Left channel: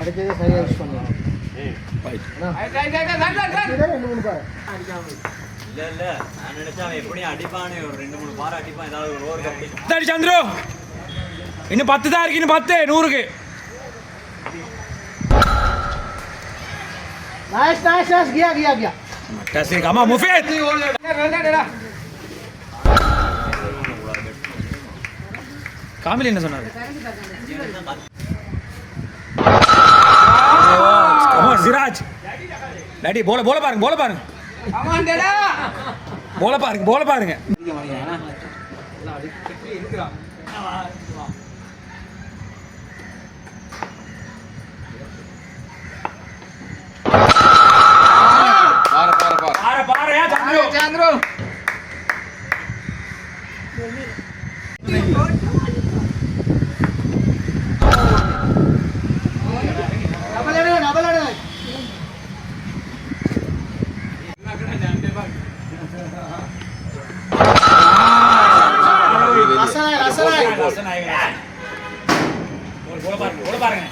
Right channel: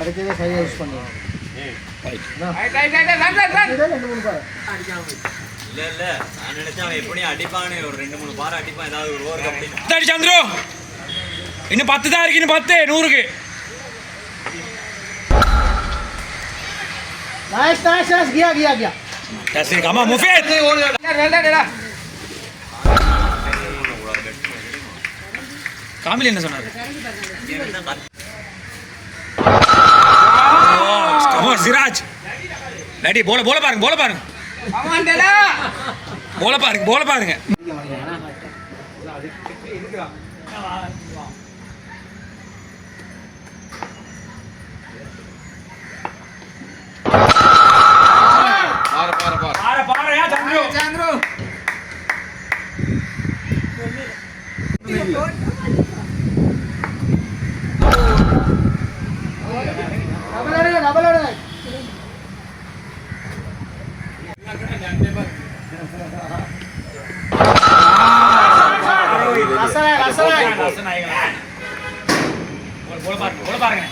அடுத்தது சரியா யூஸ் பண்ணுவோம். இல்ல நான் நினைச்சா அவன் எப்படியும் அடிப்பானே, ஒரு 2-3 பார் அடிப்பான், ஏதாவது ஒரு ஓவர் கம்பெனி. சந்திரு இன்னும் 10 தான் இருக்கு, இன்னும் 10 100க்கு. नाइस नाइस नाइस गया गया गया कैसे कमा मुफीद காமில் என்ன சொன்னாரு? கமான் சிராஜ் டாடி போல பாருங்க, போல பாருங்க, போல பாருங்க. चंद्रू डबल போல பாருங்க.